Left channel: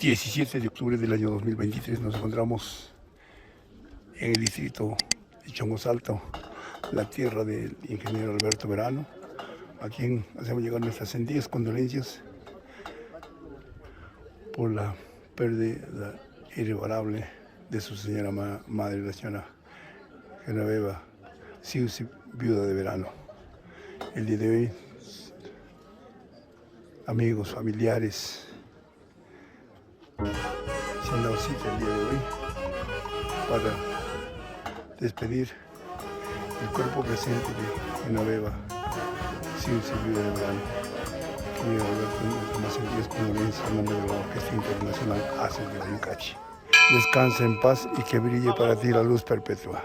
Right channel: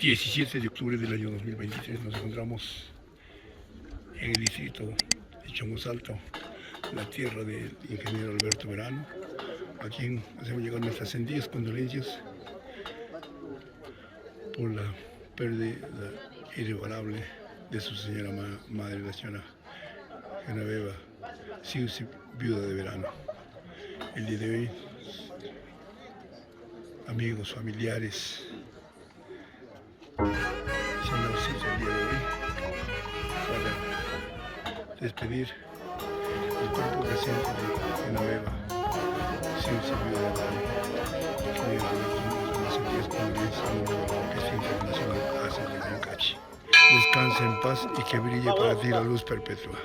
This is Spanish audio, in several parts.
17 de octubre del año 2023 nos encontramos en el distrito de Chongosalto, la tierra del ingeniero Alberto Verano, a quien hacemos llegar nuestras sentidas condolencias por la pérdida irreparable de su señora madre, la señora Genoveva Siusi, viuda de Verano. El día de hoy, amigos, familiares, se han dado cita el día de hoy para despedir el cuerpo presente de Genoveva Siusi, viuda de Verano. Señor Alberto, nuestras más sentidas condolencias en nombre de la Orquesta Internacional Haces de Huaycache. Descansa en paz y que brille para ti la luz perpetua.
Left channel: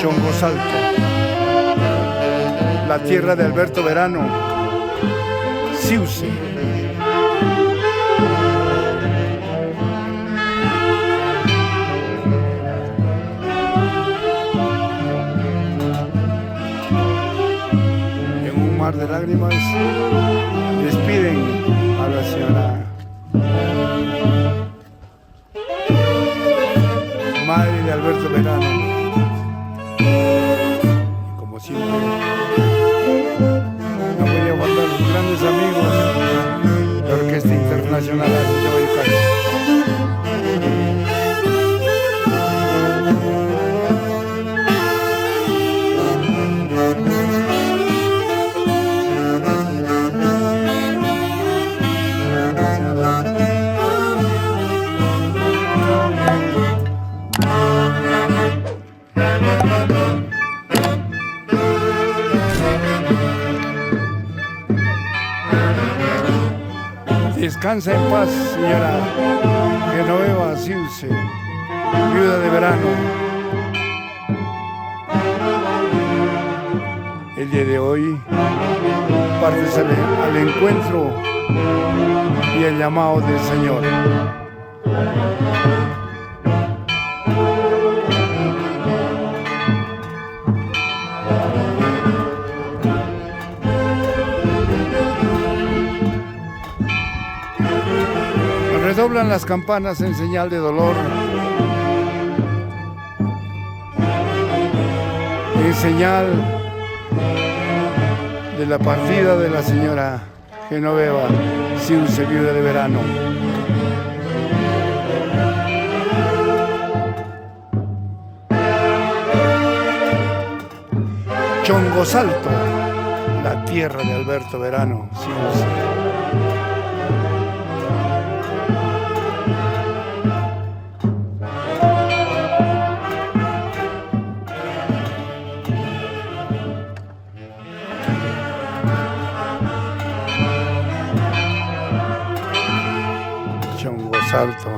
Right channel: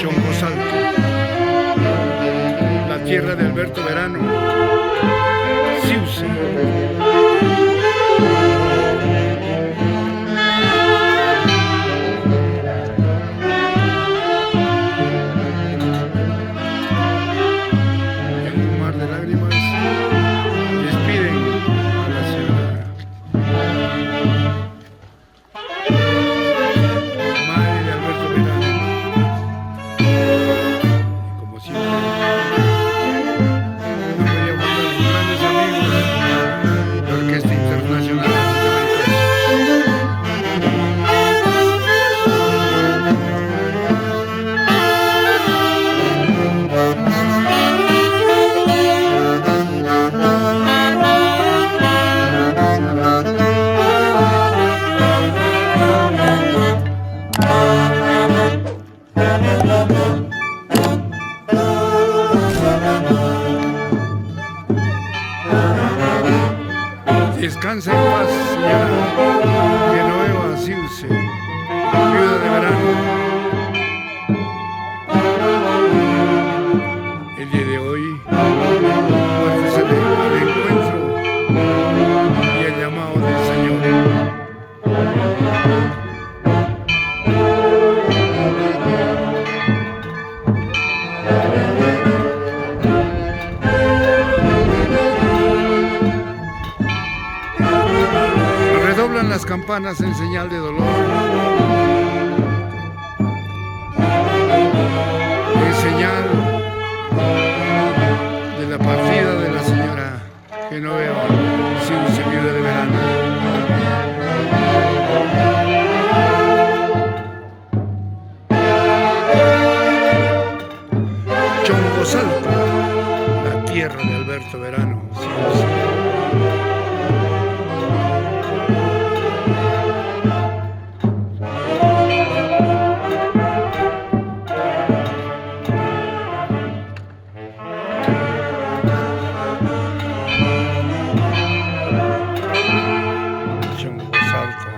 Chongosalto, la tierra de Alberto Verano, Siusi. En un mar de lágrimas despiden a la señora madre de Alberto Verano. Como siempre, no podía faltar sus grandes amigos, la Orquesta Internacional Haces de Huaycache. Descansa en paz, señora Genoveva Siusi, viuda de Verano. El día de hoy partes al encuentro y el llamado del Señor. Redoblan las campanas en señal de dolor, en señal de la partida de la señora Genoveva Siusi, viuda de Verano. Chongosalto, la tierra de Alberto Verano, Siusi. Chongosalto.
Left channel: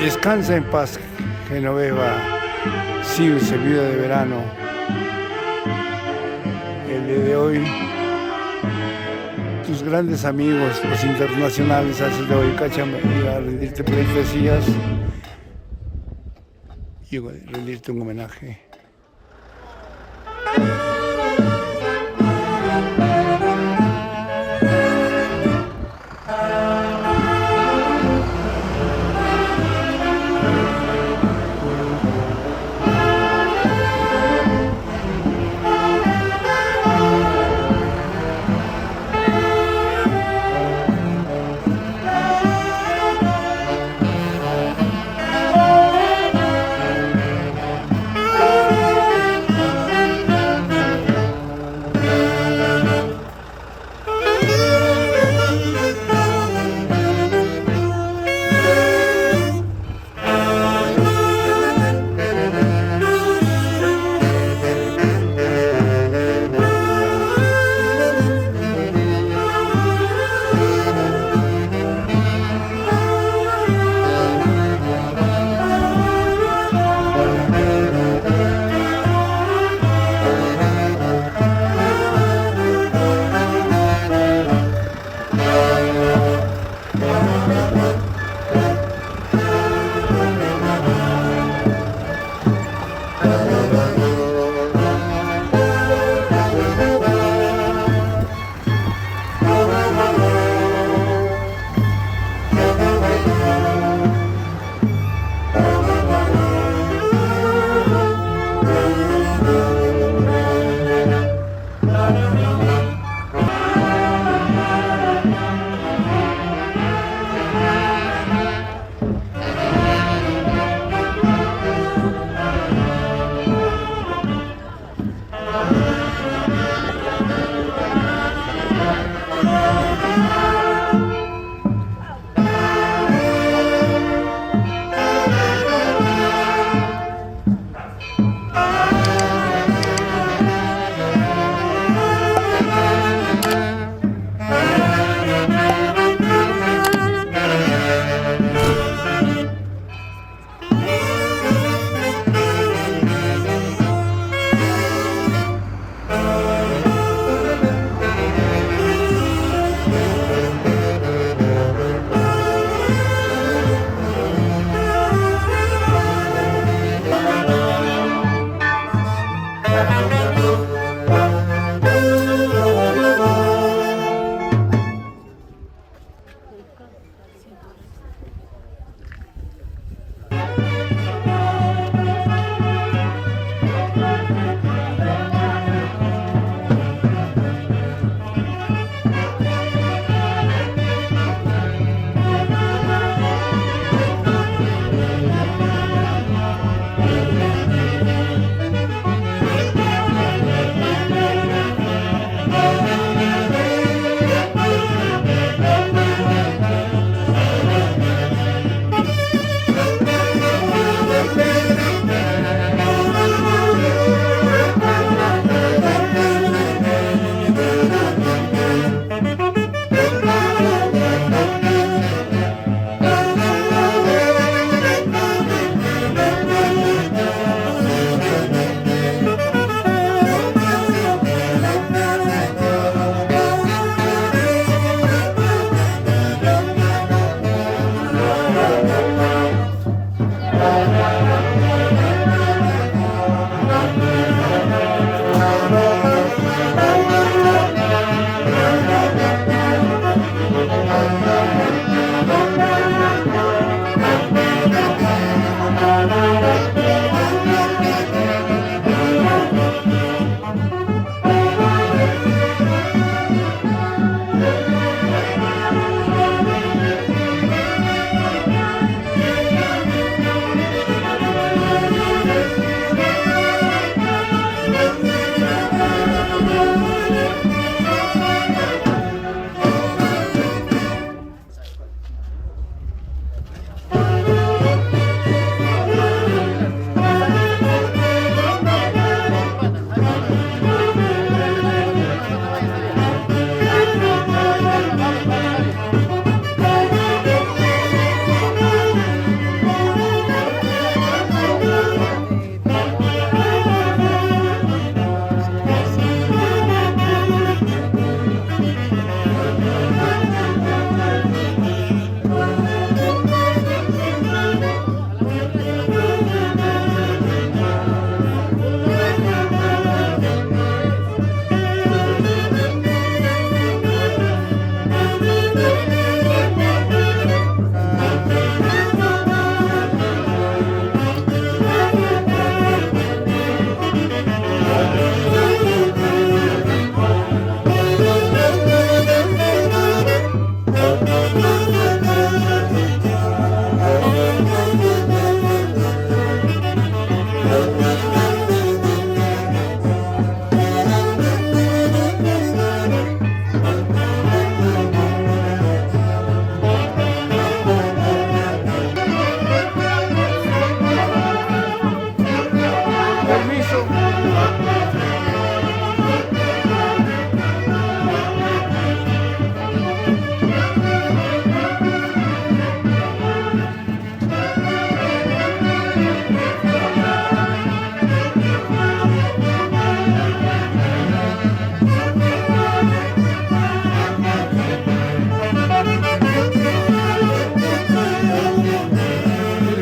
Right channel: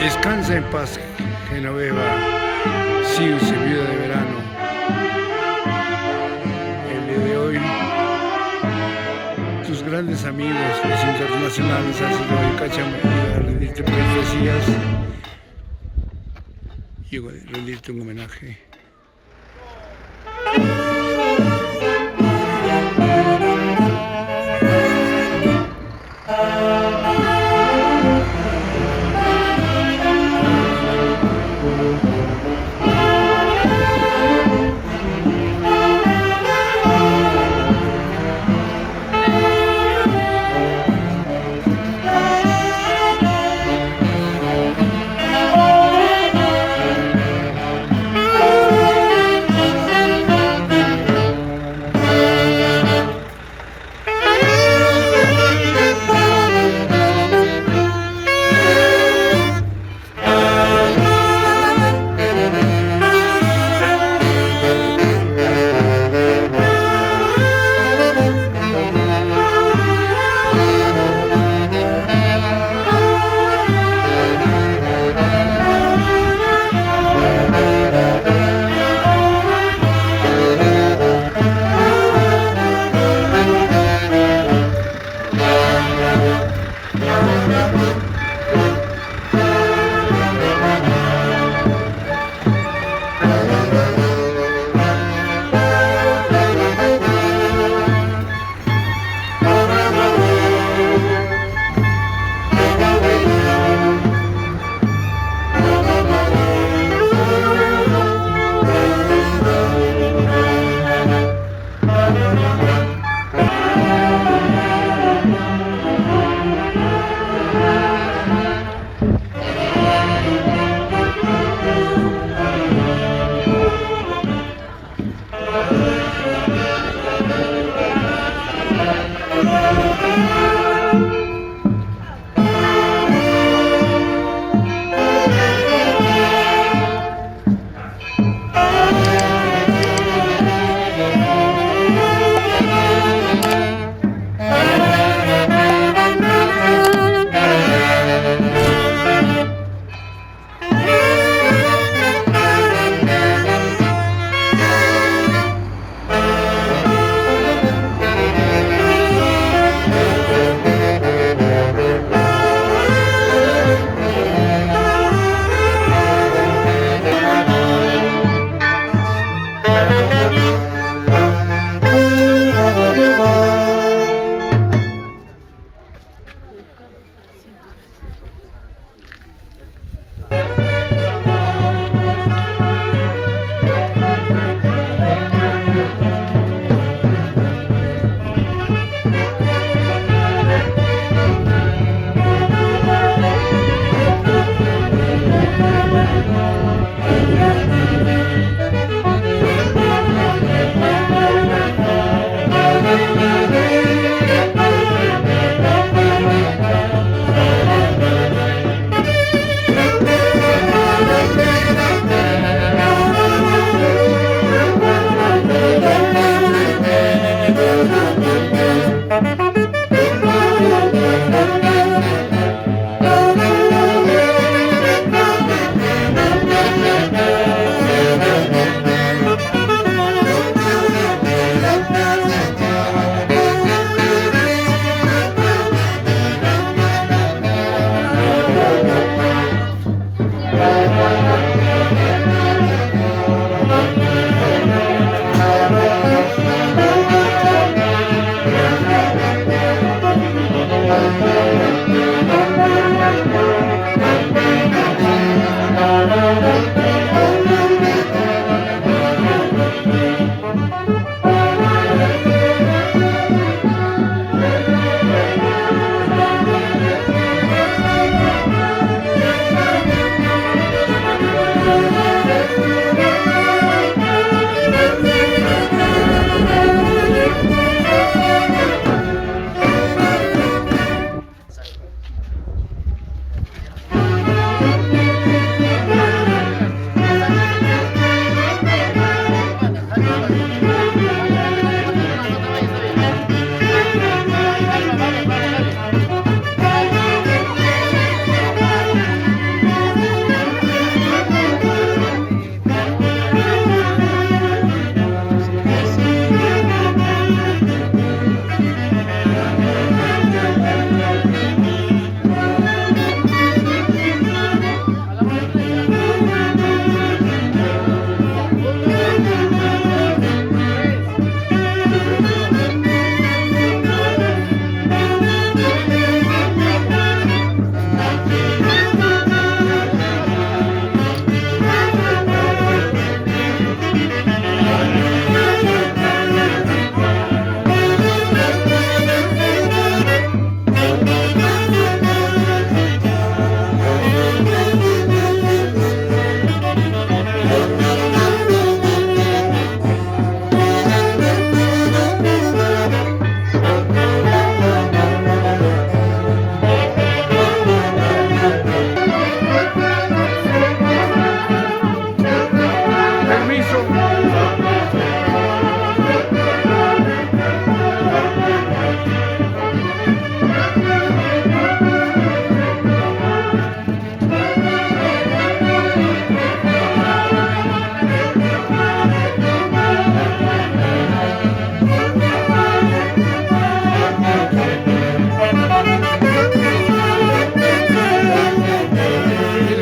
Descansa en paz, Genoveva Siusi, viuda de Verano. El día de hoy, tus grandes amigos, los internacionales Haces de Huaycache, han venido a rendirte pleitesías y rendirte un homenaje.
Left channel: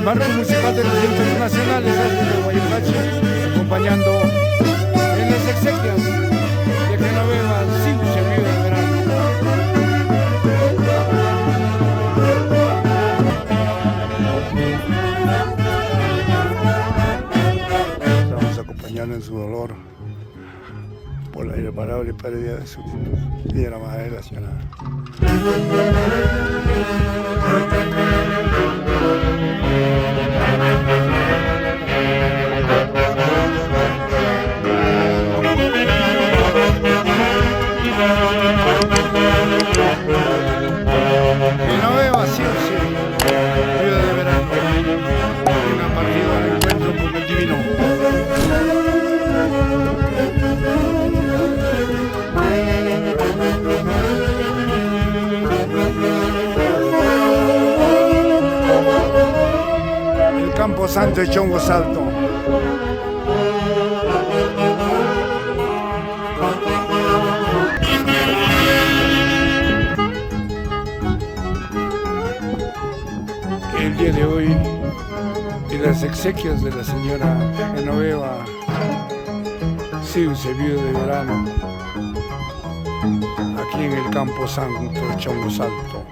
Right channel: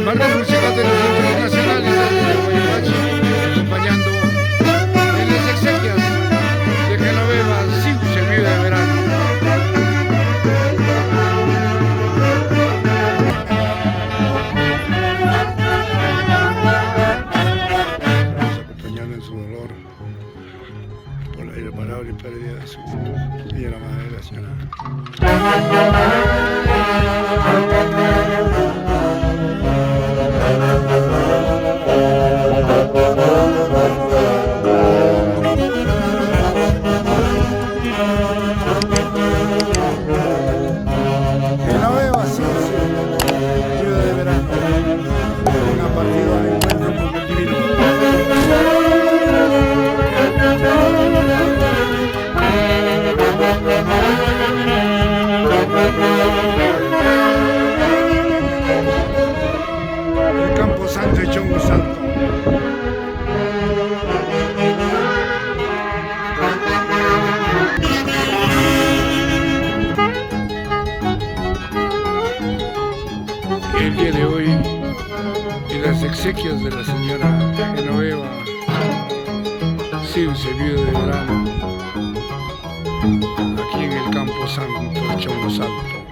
marco musical de los internacionales de Guayapache, acompañando en las exequias de Genoveva, Siu se vive de verano. Estamos acompañando en su dolor por la irreparable pérdida de su y de la madre nacional. Genoveva, sí o sí, viuda de verano, quien ha partido al encuentro con el divino. El Campo Santo de Chongo Salto. El día de hoy, en las exequias de la señora Genoveva, Siu se vive de verano, aquí en el Campo Santo de Chongo Salto.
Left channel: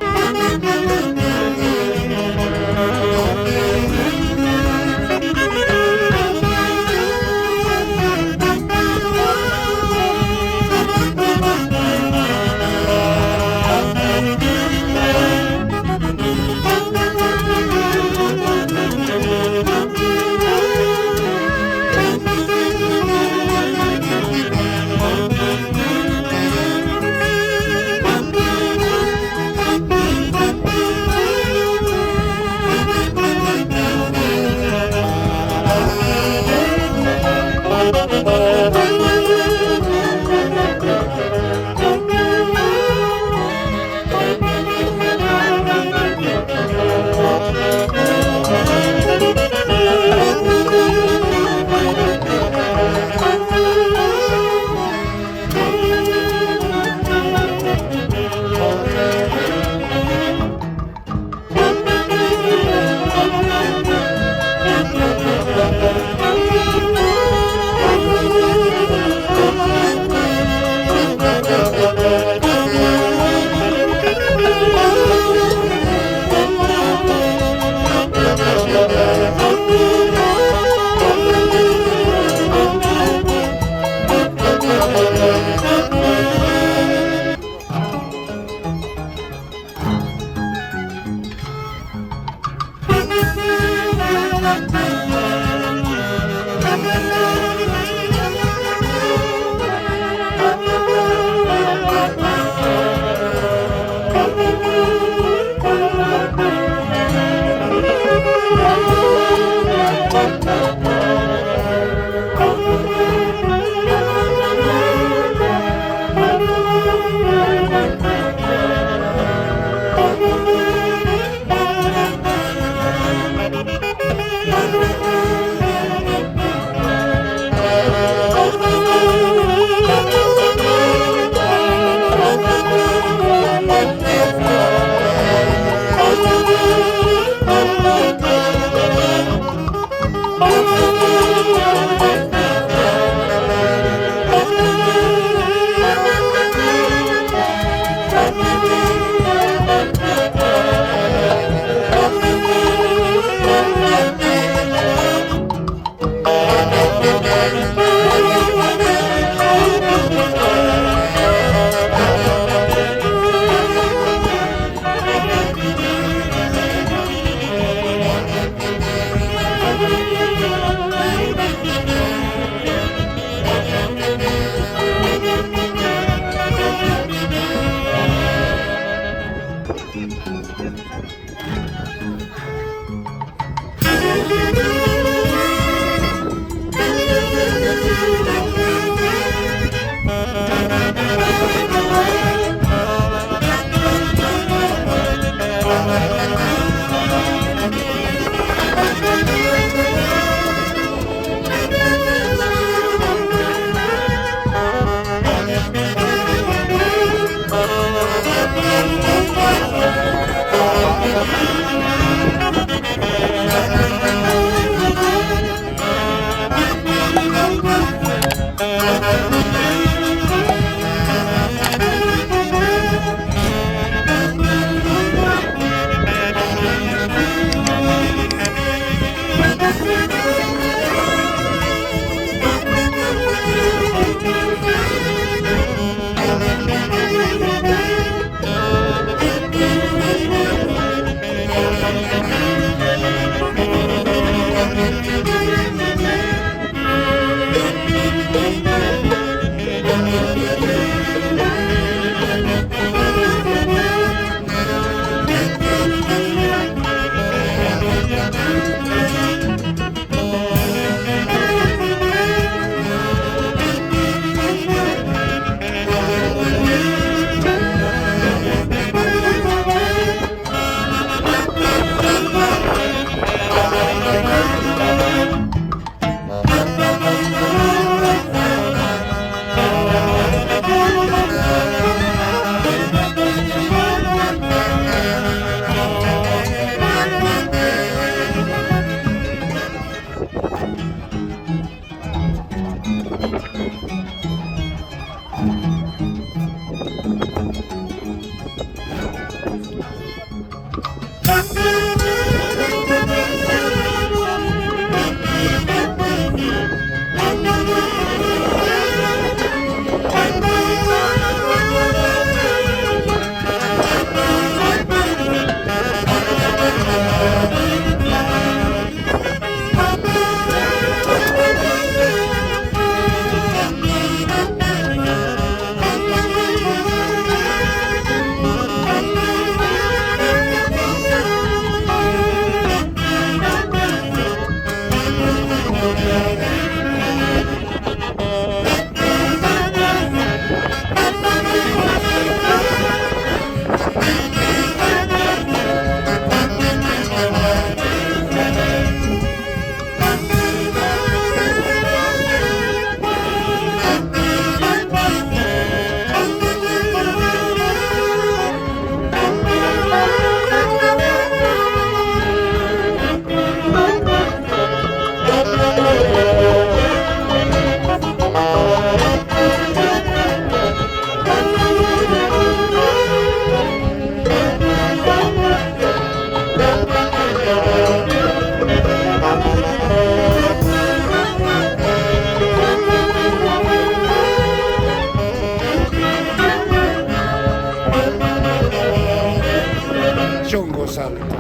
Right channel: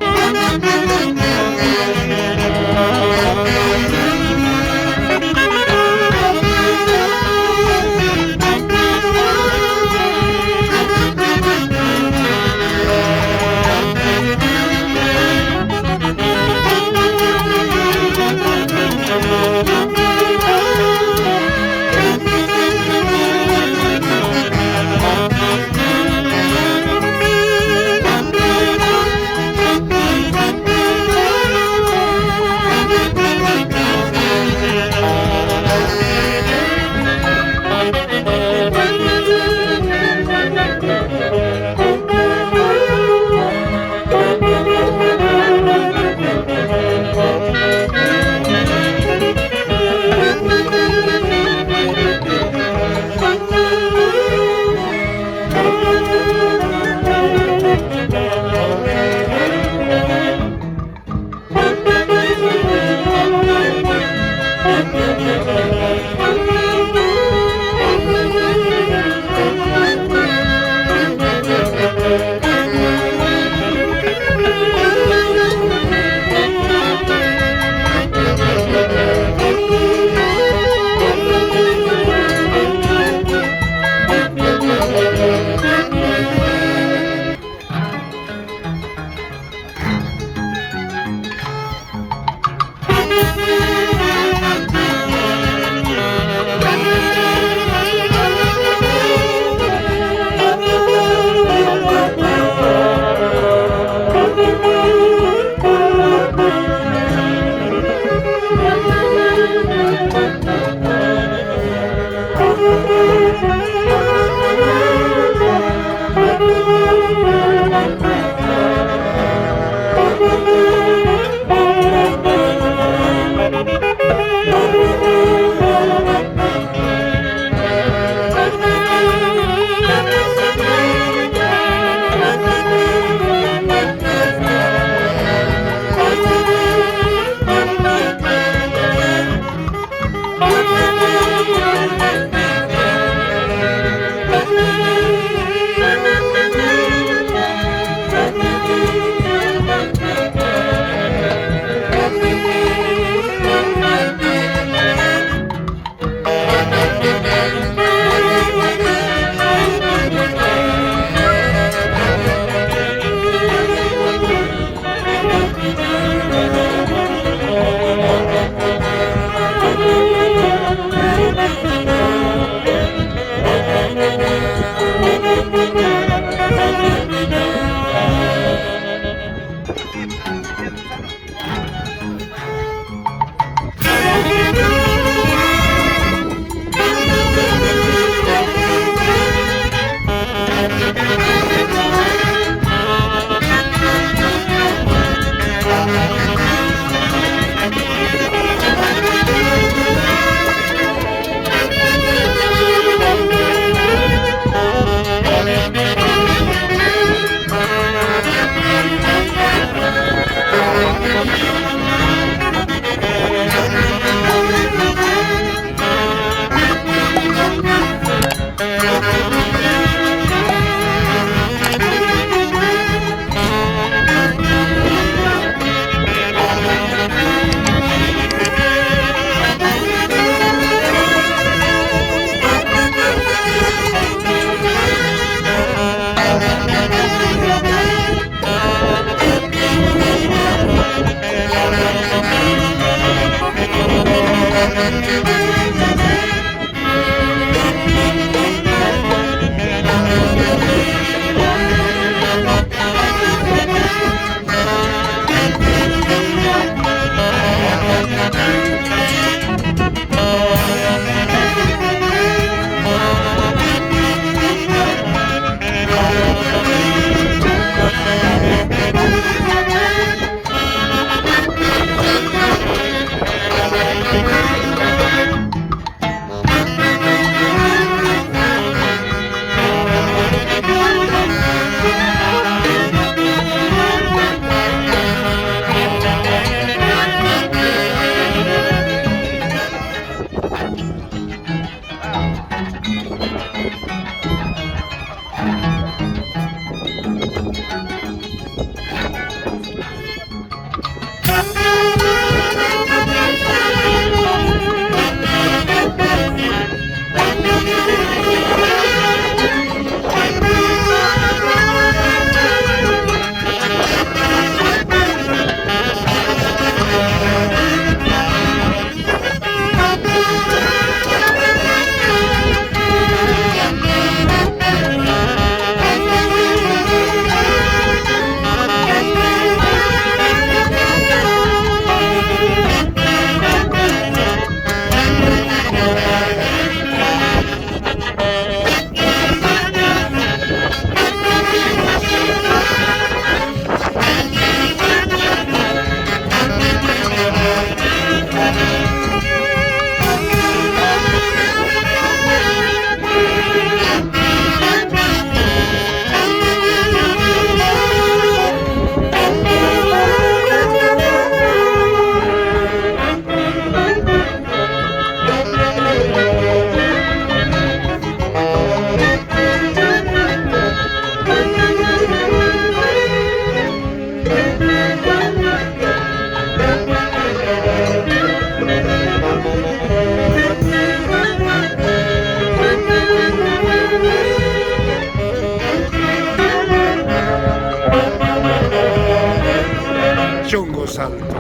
Chongo Salto.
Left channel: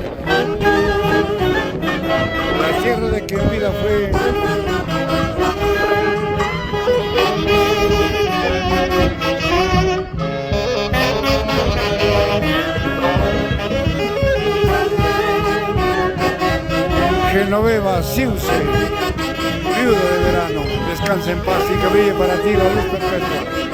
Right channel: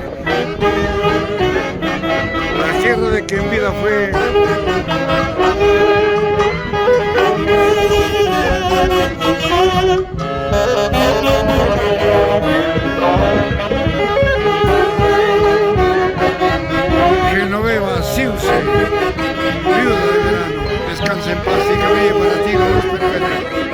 La tierra de que en vida fue Genoveva Siuse, viuda de verano. Descansa en paz y que brille para ti la luz perpetua.